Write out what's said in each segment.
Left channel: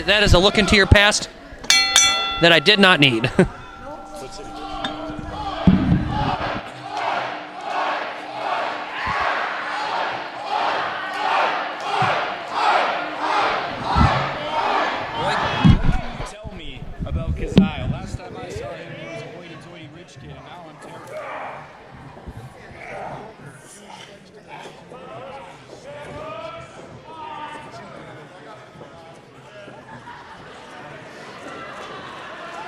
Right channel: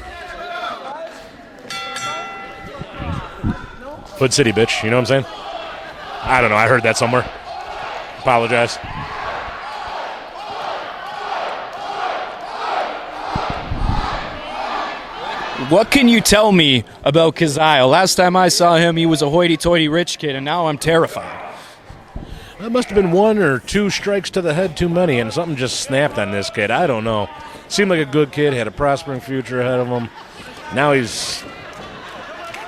That is a look into your past that I did not need. Hood City, bitch. You know what I'm saying? I don't know. I heard that somewhere. Apologize. What can you tell me about Kyzyle? Last time I saw him, he was a hoity-toity rich kid, and now I'm terrified. That must have been 1 or 2 strikes to the head too many, and something just snapped on this kid. I don't know. Seemed like a good kid, had a prospering future ahead of him. Now he's...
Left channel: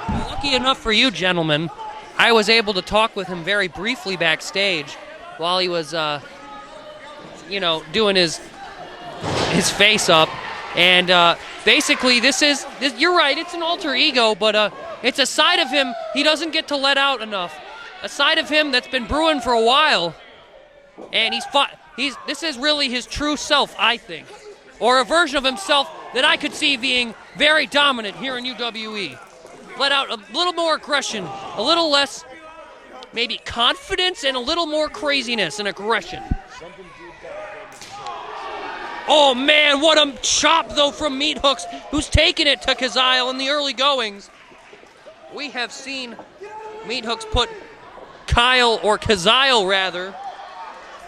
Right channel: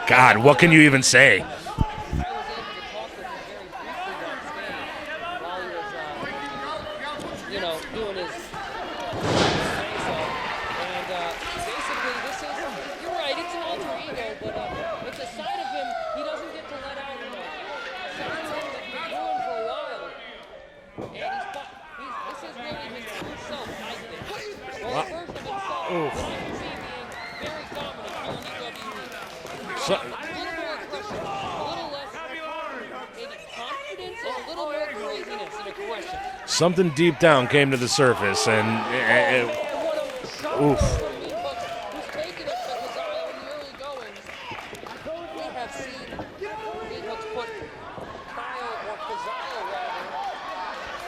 God, what can you even say? Gentlemen, I was able to talk with him very briefly backstage while he was, doing his face up. And basically, you're right, it's an alter ego, but it's a side of him he doesn't get to let out enough. A side of him that's been brewing for a while. And this is really his true self, I think. Or a version of himself that I could see being very dominant here in UWE. Let out a little more aggression, a little less maybe confidence, and a little more craziness and aggression. Something deep down came to the surface, and... man, what a chop, though, from Meathooks, who's taken it to Kyzyle in the early goings. We have seen Meathooks put Kyzyle, rather.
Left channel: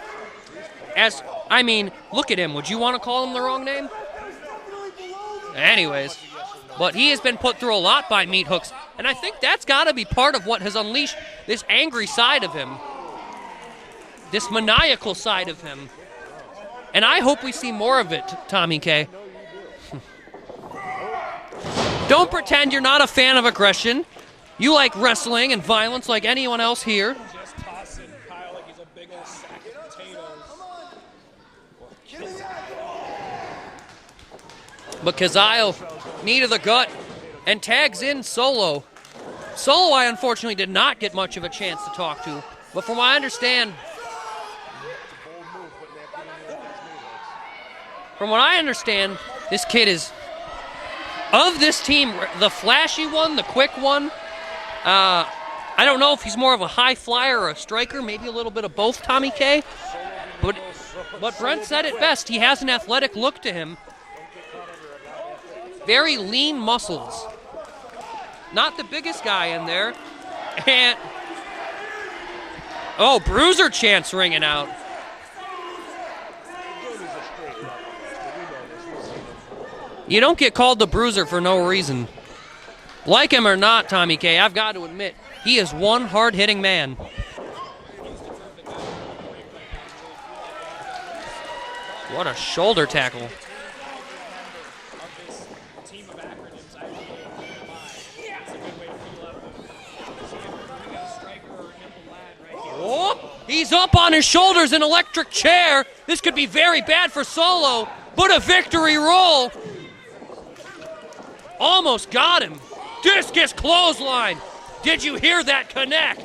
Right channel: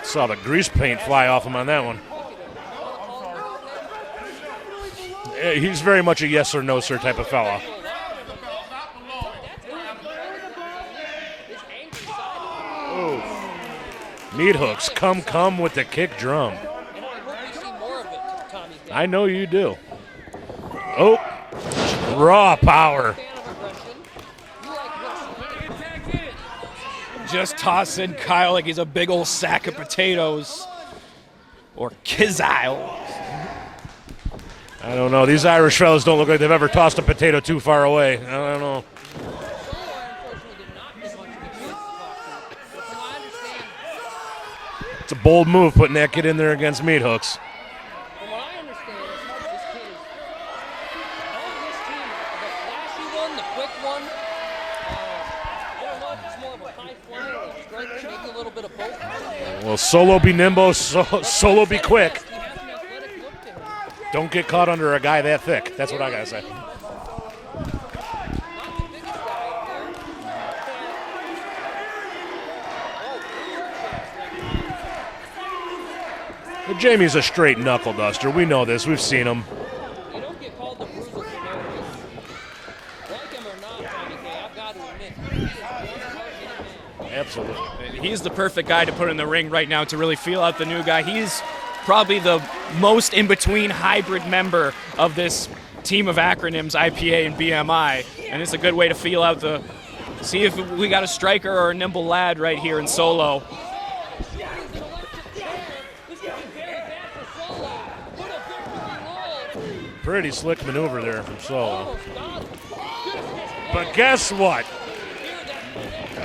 Saw the grease paint fly off him on that one. Look at him. Would you want to call him the wrong name? He's very much a yes or no sir type of He has been fella. put through a lot by Meathooks, and I think that's got to be part of what has unleashed this angry side of him. This maniacal side come of him. with the kick drum. And I hope we see more of it, Tommy K. I know you do. Oh. Don't pretend you're not a fan of aggression. You like wrestling and violence like anyone else here. Just tossing Kyle like he's a big old sack of potatoes. Or Kyzyle. I don't know. These Irish fellas don't look like they've ever tossed a potato too far away. In Solo. Solo, I unfortunately did not get much of a chance to talk to. But from what I understand... It's a bold move putting that kid in there against Meathooks. From what I understand, this kid is... Of this team, the flashy one, the quick one, I don't know if he's more of a high flyer or a striker, maybe a little bit of both, Tommy K. Well, Solo be nimble, Solo be quick. Best, he has an athletic look to him. Don't get caught under a guy that thick. That's very lean muscles. Not the biggest guy in there. And Bruiser chants ringing out. Well, Jamie's a straight knuckle duster. We know this. We've seen him. You don't get called the Bruiser for no reason. Like him or not, Tommy K, I've got to admit, he is one hard-hitting man. Absolutely. He's the perfect guy to put in the ring right now to really feel out the new guy. He's probably the most in-between hybrid member of this team of acronyms, IPA and BMI. And it's a good way to feel out see if we got a striker or a nimble lad right here in Solo. He's up on his shoulders, an electric chair. This could be very bad for Solo, but a victory roll. Pretty slick maneuver there from Solo. Almost got him. Discus close. But guess what? Did you hear that connect?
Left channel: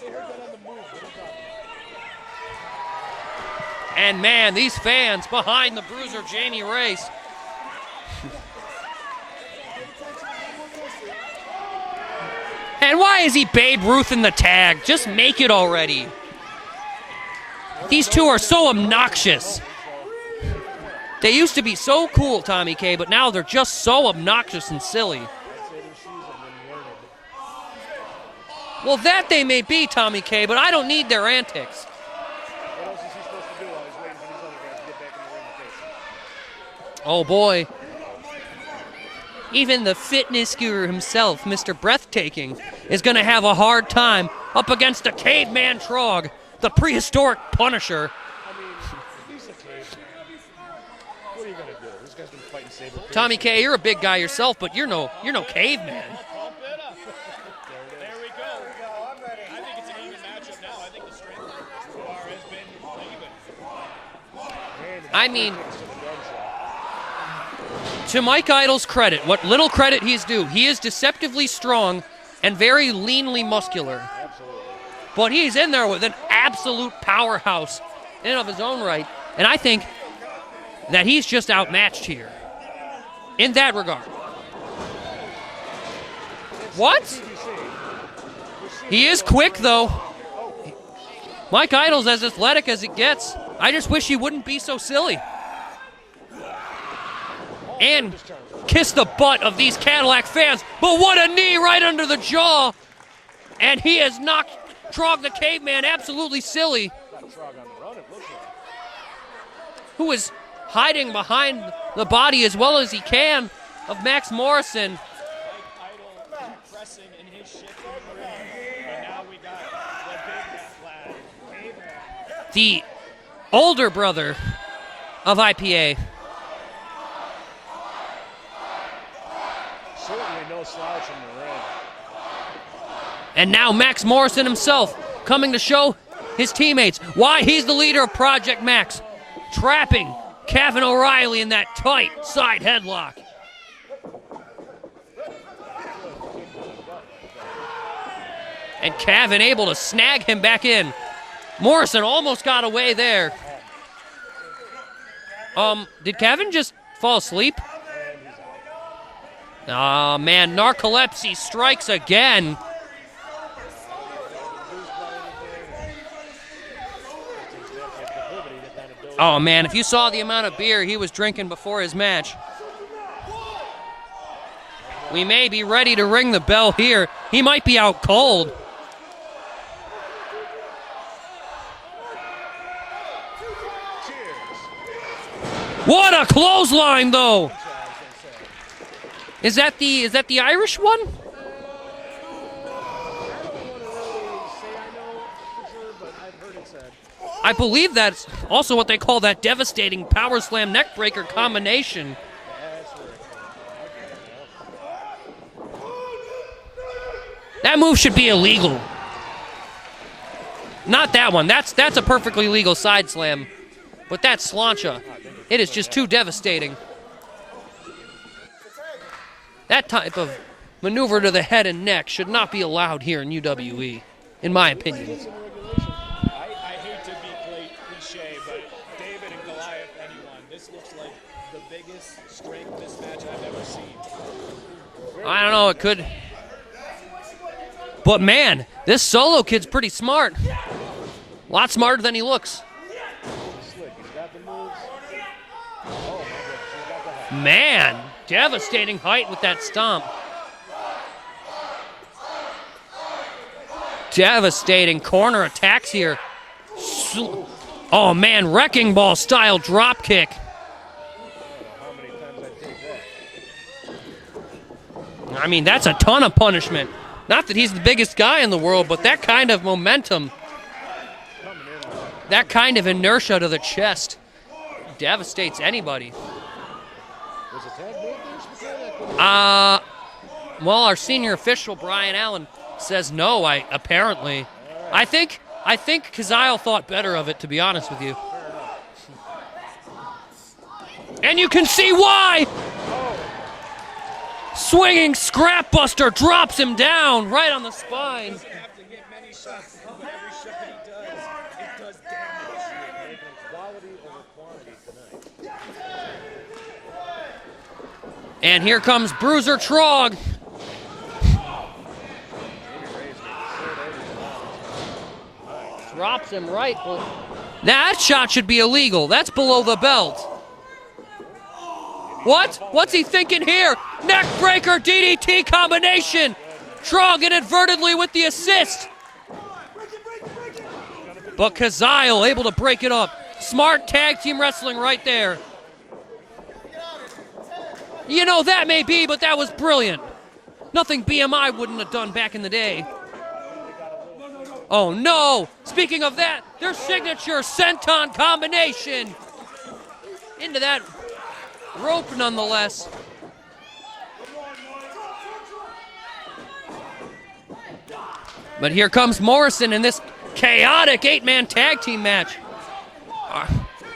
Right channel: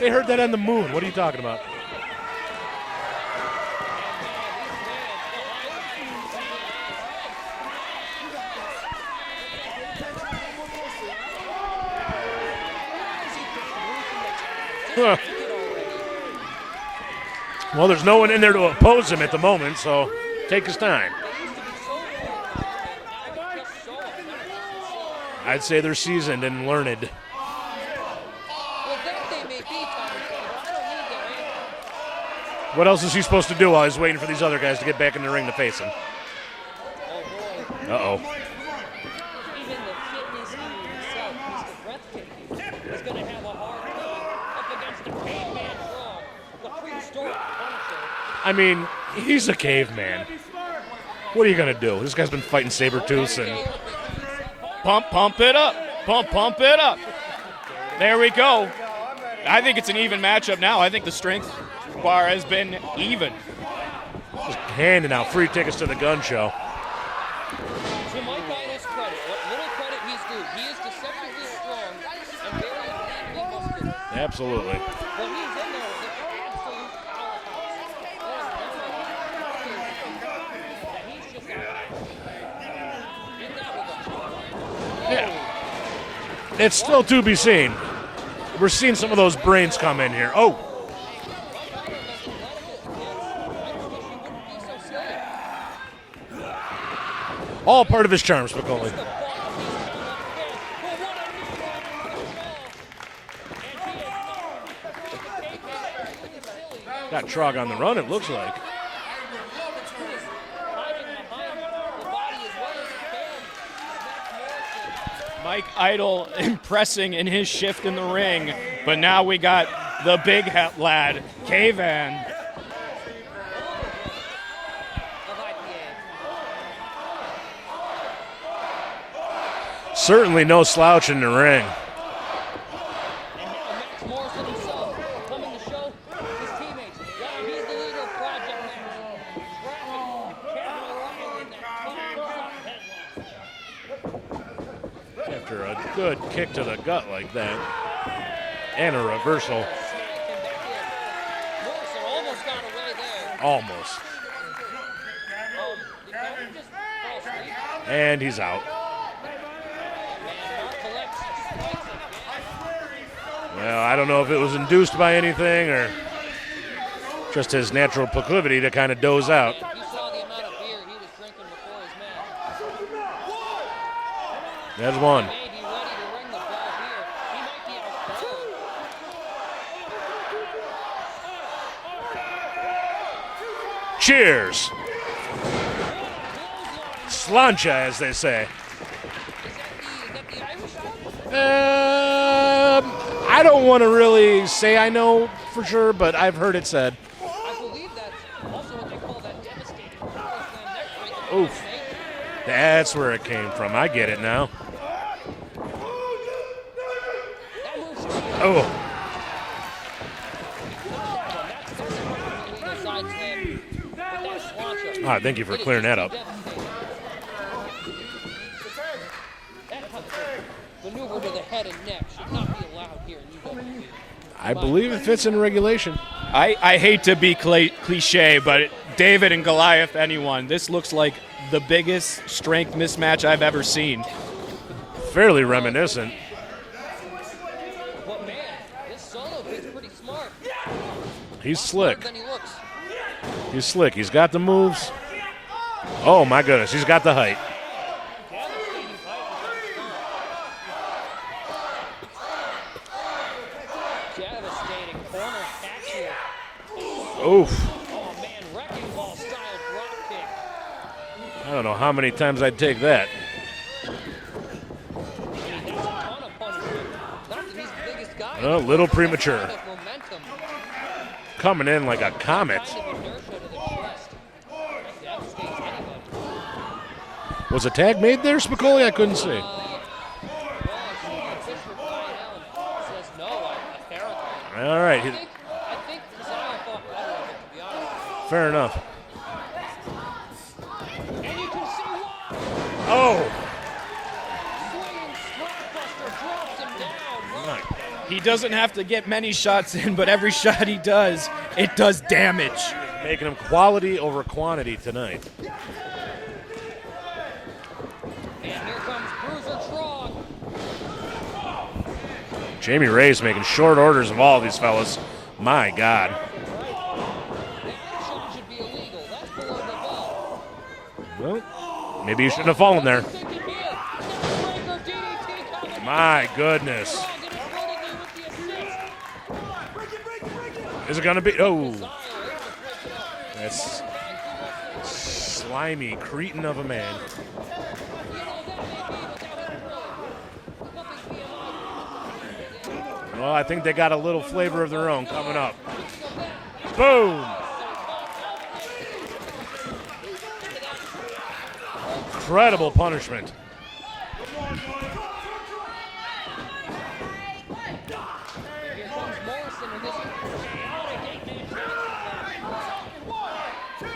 They heard that on the moon. What are you talking about? And man, these fans behind the Bruiser Jamie Race. And why is he Babe Ruth in the tag? Just make it already. Well, there's no one in there to oppose him at the moment, so take his time. They used to be so cool, Tommy K, but now they're just so obnoxious and silly. I'd say they're seasoned and learned. Well, that they may be, Tommy K, but I don't need their antics. What else is he supposed to do while he's waiting for these other guys to get back in the ring to face him? Oh, boy. Uh-oh. Even the fitness guru himself, Mr. Breathtaking, is going to have a hard time up against the caveman Trog, the prehistoric Punisher. I mean, he's a caveman. What are you going to do? This guy's been fighting Sabertooth. Tommy K, you're a big guy yourself, but you're no caveman. Pump it up. There we go. I think it's an even matchup now. I think the strength bar has been even. Handing out free tickets to the gun show. To Mike Idle's credit, what little credit he's due, he is deceptively strong and very leanly muscular. Absolutely. But he's in there with an absolute powerhouse in and of his own right. And I think that he's just outmatched here in that regard. Yeah. It's still to be seen. We're seeing some of those quick, brains though. come in here. Oh. Mike Idle's as athletic as it gets. I just wish he wouldn't be so silly. All and part of his charm. Spicoli. Kiss the butt of these Cadillac fans, but what a knee right under the jaw. And he has knocked Trog the Caveman absolutely silly. Got Trog on the run, it looks like. Who is hiding behind the body as well as he can of Maxx Morrison. Mike Idle impressing in his shift in the ring, but now we got the big lad, Kavan. The older brother of IPA. Certainly no slouch in the ring. And now Maxx Morrison himself coming to show his teammates why he's the leader of Project Maxx, trapping Cavan O'Reilly in that tight side headlock. After a good kick to the gut like that. And Cavan able to snag him back in. Morrison almost got away there. Almost. Did Cavan just fall asleep? And he's out. Oh man, narcolepsy strikes again. Well, I don't know if it was induced by anything or just his natural proclivity to kind of doze out. Oh man, if you saw the amount of beer he was drinking before his match. That's one. He may be ready to ring the bell here. He might be out cold. Cheers. What a clothesline though. Slancha, as they say. Is that the Irish one? I don't want to really say I know for sure, but I've heard it said. I believe that's also what they call that devastating power slam neck breaker combination. That's where it came from. I get it now. That move should be illegal. Not that one. That's a perfectly legal side slam. But that's slancha. Thank you for It is clearing just that too up. devastating. That type of maneuver to the head and neck should not be allowed here in UWE, in my I believe opinion. it fits in regulation. I hate to be cliche, but David and Goliath, anyone, this looks like the biggest strength mismatch I've ever seen. Fairly I don't know, it reminiscent. But man, this solo kid's pretty smart. He's A lot slick. smarter than he looks. He's slick. He's got the moves. Oh my goodness, he's got the height. Man, devastating height with that stomp. Devastating corner attacks here. Oof. Oh man, wrecking ball style drop kick. I don't know how many times I'd take that. I mean, that's a ton of punishment. Not that he's the biggest guy in the No, world, little but that premature. kind of momentum, Coming in like a that comet. kind of inertia to the chest devastates anybody. Was a tag made there, Spicoli? I couldn't see. Well, our senior official, Brian Allen, says no, apparently. All right. I think Kyzyle thought better of it, to be honest with you. Fair enough. And you can see why! Oh, Swinging Scrapbuster drops him down right on the spine. He doesn't have to get many shots in, but every shot he does, it does damage. making him quality over quantity tonight. And here comes Bruiser Trog. Jamie Ray's making short orders of all these fellas. My God. Drops him right. That shot should be illegal. That's below the belt. Well, maybe you shouldn't have fallen What's there. he thinking here? Neck breaker DDT combination. My goodness. Trog inadvertently with the assist. Is it going to be? But Kyzyle able to break it up. Smart tag team wrestling right there. Slimy cretin of a man. You know, that may be, but that was brilliant. Nothing BMI wouldn't have done back in the day. Well, I think they got a little flavor of their own. Oh, coming no. up. Speaking of that, their Boom. signature senton combination. Into that rope Incredible nonetheless. punishment. But here comes Morrison in this chaotic 8-man tag team match.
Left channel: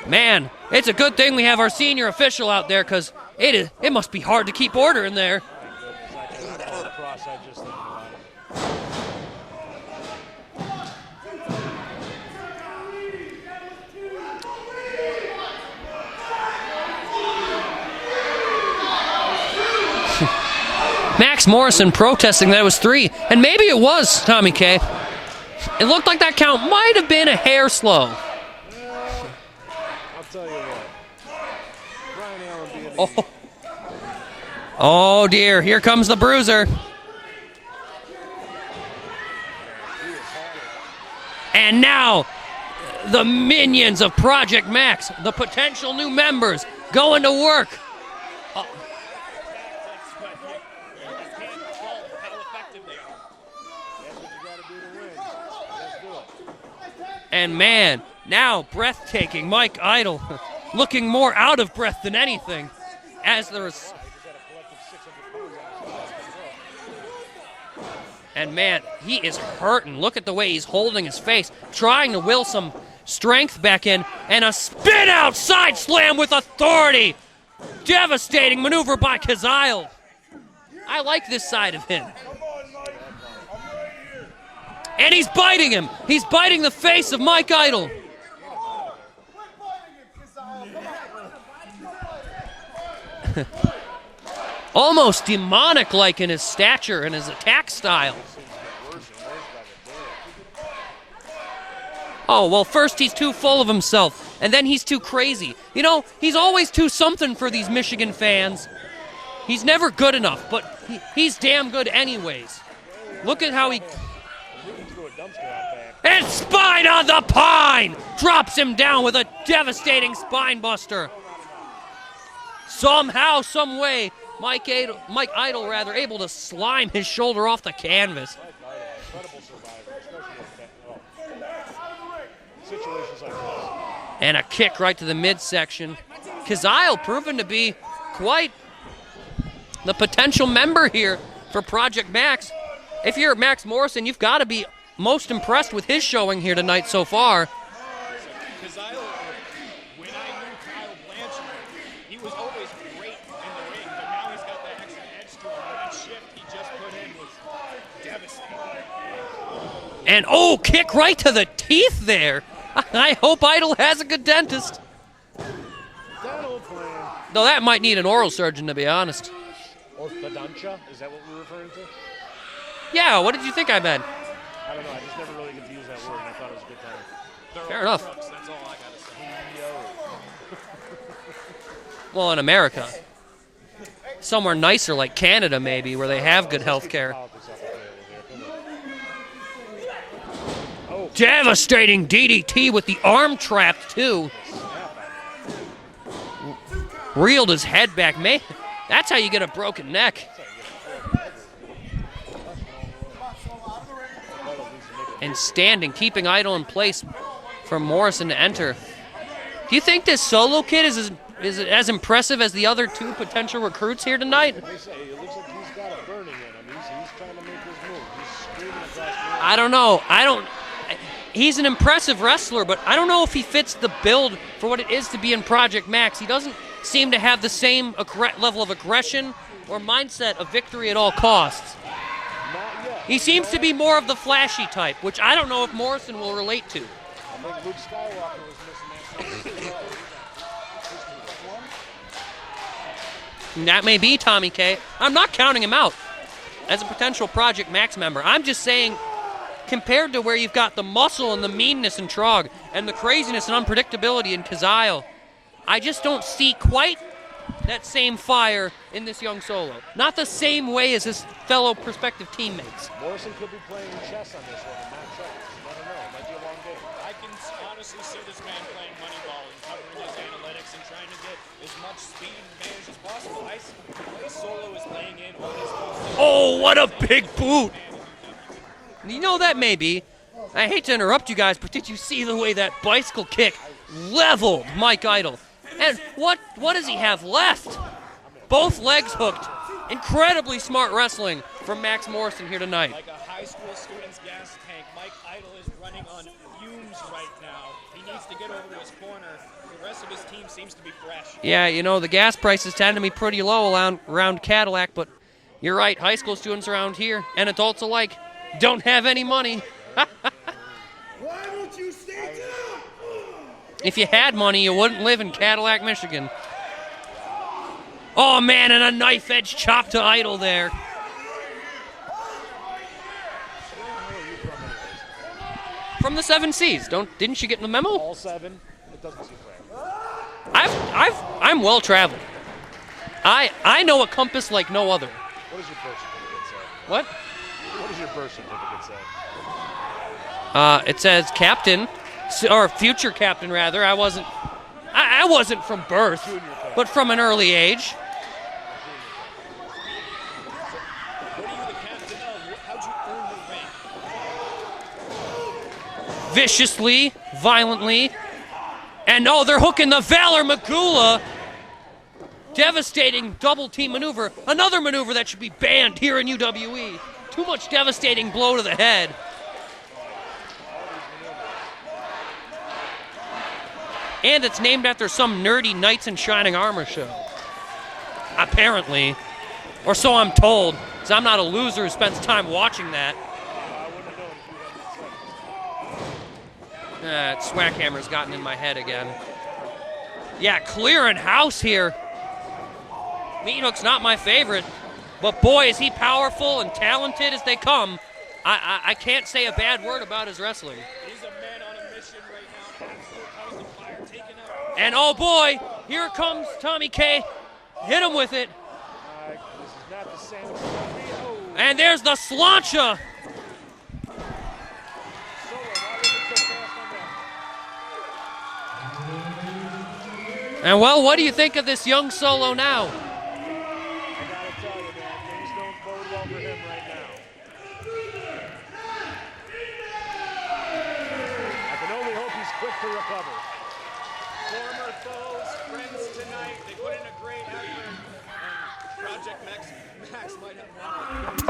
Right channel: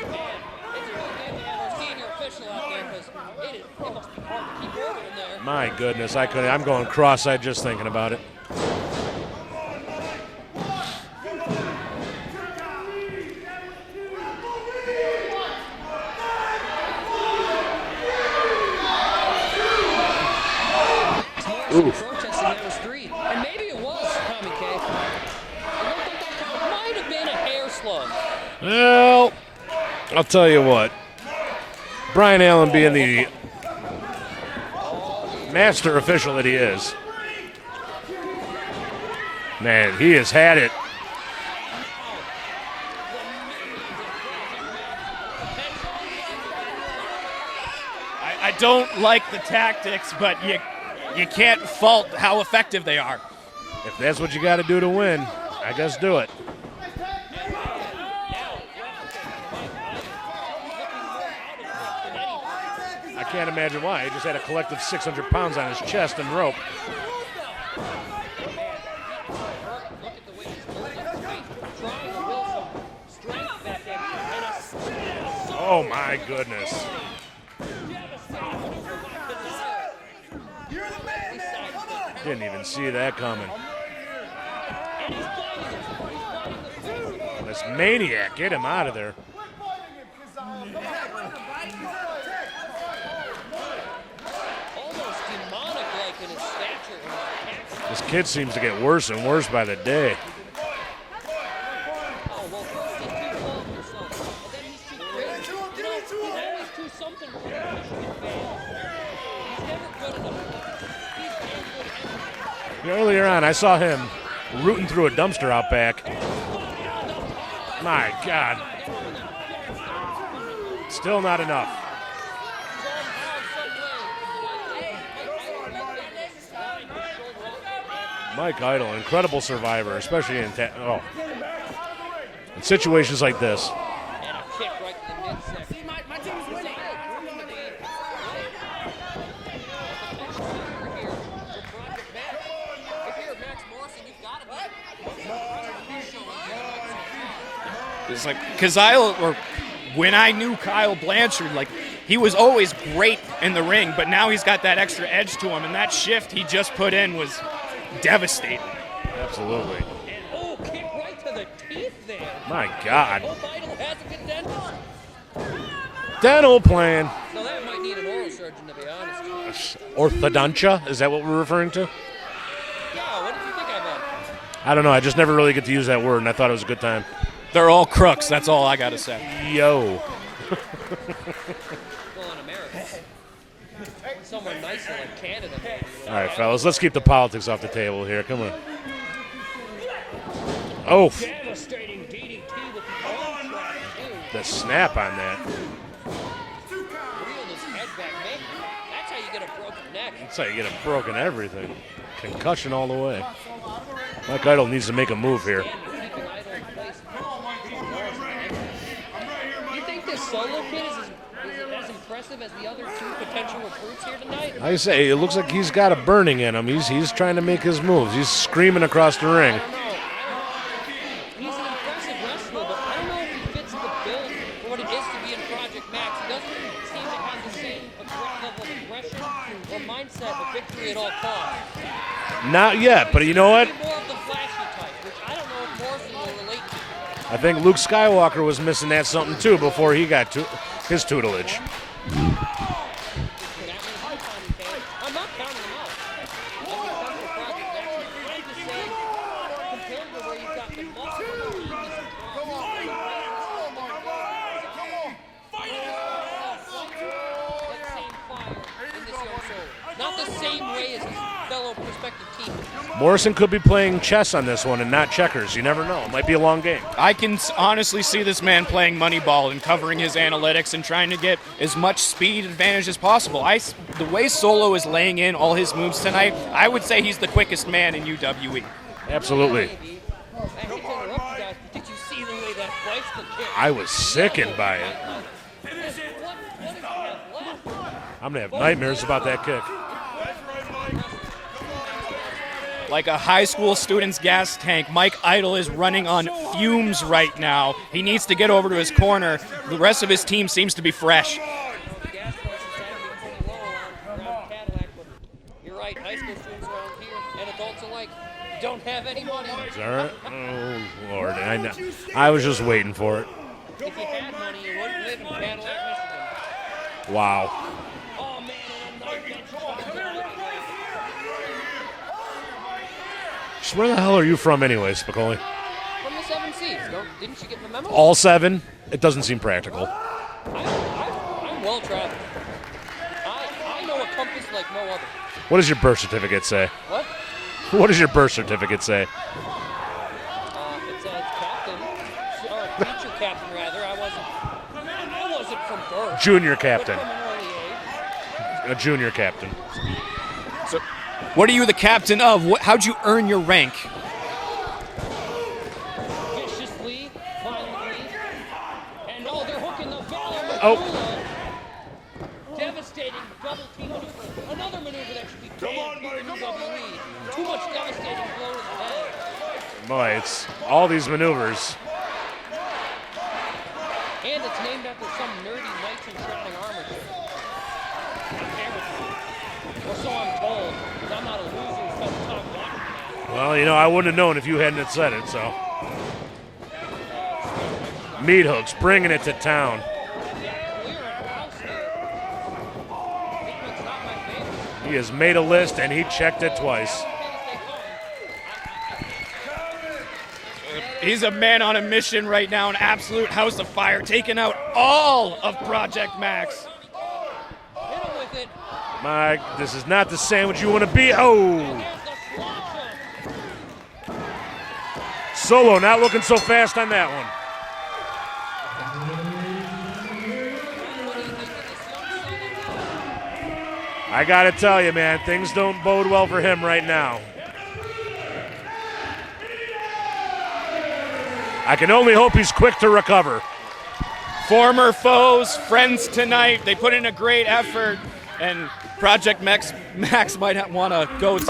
Man, it's a good thing we have our senior official out there, because it must be hard to keep order in there. My goodness, I'm going cross-eyed just thinking about it. Maxx Morrison protesting that it was 3, and maybe it was, Tommy K. It looked like that count might have been a hair slow. Well, I'll tell you what. Brian Allen being Oh, dear. Here comes the Bruiser. Man, he has had it. And now, the minions of Project Maxx, the potential new members, going to work. I don't like the tactics, but you can't fault how effective they are. If that's what you got to do to win, I guess do it. And man, now breathtaking Mike Idle, looking more out of breath than anything. I can't imagine why. He just had a collective 600 pounds on his chest and rope. And man, he is hurting. Look at the way he's holding his face, trying to will some strength back in, and a spin out side slam with authority. Devastating maneuver by Kyzyle. I like this side of him. Didn't even see that coming. And he's biting him. He's biting the face of Mike Idle. Maniac, get him out of there. Almost demonic-like in his stature and his attack style. This kid seems to get worse and worse by the day. Oh, well, first he's too full of himself, and then he's too crazy. You know, he's always too something for these Michigan fans. He's never good enough, but he's damn good anyways. Earlier on, I saw him rooting through a dumpster out back. And spine on the pine! My Drops God. him down with a devastating spine buster. Still not enough. Somehow, some way, Mike Idle, able to slime his shoulder off the canvas. Mike Idle, incredible survivor, especially in situations like this. And a kick right to the midsection. Kyzyle proven to be quite the potential member here for Project Maxx. If you're Max Morrison, you've got to be most impressed with his showing here tonight so far. It's like Kyzyle, or when I knew Kyle Blanchard, like he was always great in the ring, but now he's got that extra edge to him, and that shift he just put in was devastating. Absolutely. And kick right to the teeth there. My God. I hope Idle has a good dentist. Dental plan. No, that might need an oral surgeon, to be honest. Orthodontia, is that what we're referring to? Yeah, what did you think I meant? I don't know, I just never really get to use that word, and I thought it was a good time. They're all crooks, that's all I gotta say. Yo. Well, in America. Somewhere nicer like Canada, maybe, where they have good Let's keep the politics off the table here, come on. Oh. Devastating DDT with the arm trap, too. The snap on that. Reeled his head back. That's how you get a broken neck. That's how you get a broken everything. Concussion all the way. Mike Idle needs to make a move here. Standing, keeping Idle in place for Morrison to enter. Do you think this solo kid is as impressive as the other two potential recruits here tonight? I say, it looks like he's got a burning in him. He's trying to make his moves. He's screaming across the ring. I don't know. He's an impressive wrestler, but I don't know if he fits the build for what it is to be in Project Maxx. He doesn't seem to have the same level of aggression or mindset of victory at all costs. Not yet, but you know what? He seems to be more of the flashy type, which I don't know if Morrison will relate to. I think Luke Skywalker was missing that something too before he got his tutelage. That may be Tommy K. I'm not counting him out as a potential Project Maxx member. I'm just saying, compared to where you've got the muscle and the meanness in Trog and the craziness and unpredictability in Kyzyle, I just don't see quite that same fire in this young solo. Not the same way as his fellow prospective teammates. Morrison could be playing chess on this one and not checkers. You never know. It might be a long game. I can honestly see this man playing Moneyball and covering his analytics and trying to get as much speed advantage as possible. The way Solo is laying in all his moves tonight, I would say he's the quickest man in UWE. You know that may be. I hate to interrupt you guys, but did you see the way that bicycle kick leveled Mike Idle? And what does he have left? I'm going to have Both nightmares legs about that hooked. kick. Incredibly smart wrestling from Max Morrison here tonight. Like a high school student's gas tank, Mike Idle is running on fumes right now. He needs to get over to his corner. The rest of his team seems to be fresh. Yeah, you know, the gas prices tend to be pretty low around Cadillac, but you're right, high school students around here and adults alike don't have any money. Oh, Lord. I was just waiting for it. If you had money, you wouldn't live in Cadillac, Michigan. Wow. Oh, man, and a knife-edge chop to Idle there. So where the hell are you from anyway, Spicoli? From the 7 Seas. Didn't you get the memo? All 7? It doesn't seem practical. I'm well-traveled. I know a compass like no other. What does your birth certificate say? What? What does your birth certificate say? It says captain, or future captain rather. I wasn't from birth. Junior captain. But from an early age. A junior captain. So, what are you the captain of? How'd you earn your rank? Viciously, violently, and they're hooking the Valor Magula. Devastating double team maneuver. Another maneuver that should be banned here in UWE. Too much devastating blow to the head. Boy, it's all these maneuvers. And it's named after some nerdy Knights in Shining Armor show. Apparently. Or so I'm told, because I'm not a loser who spends time watching that. Well, I wouldn't have known if you hadn't have said it, so. Swackhammer's got me in my Meathooks head bringing again. it to town. Yeah, clearing house here. Meathooks not my favorite. He has made but a boy, list is he and he checked it powerful and twice. talented as they come. I can't say a bad word about his wrestling. He's a man on a mission right now, an absolute house of fire, taking out And all boy, of here Project comes Maxx. Tommy K. Hit him with it. Mike, this is not the sandwich you want to be. Oh! And there's the slancha. Solo not looking so fast on that one. And well, what do you think of this young Solo now? I got to tell you, man, things don't bode well for him right now. I can only hope he's quick to recover. Former foes, friends tonight. They put in a great effort, and Project Maxx might want to go to.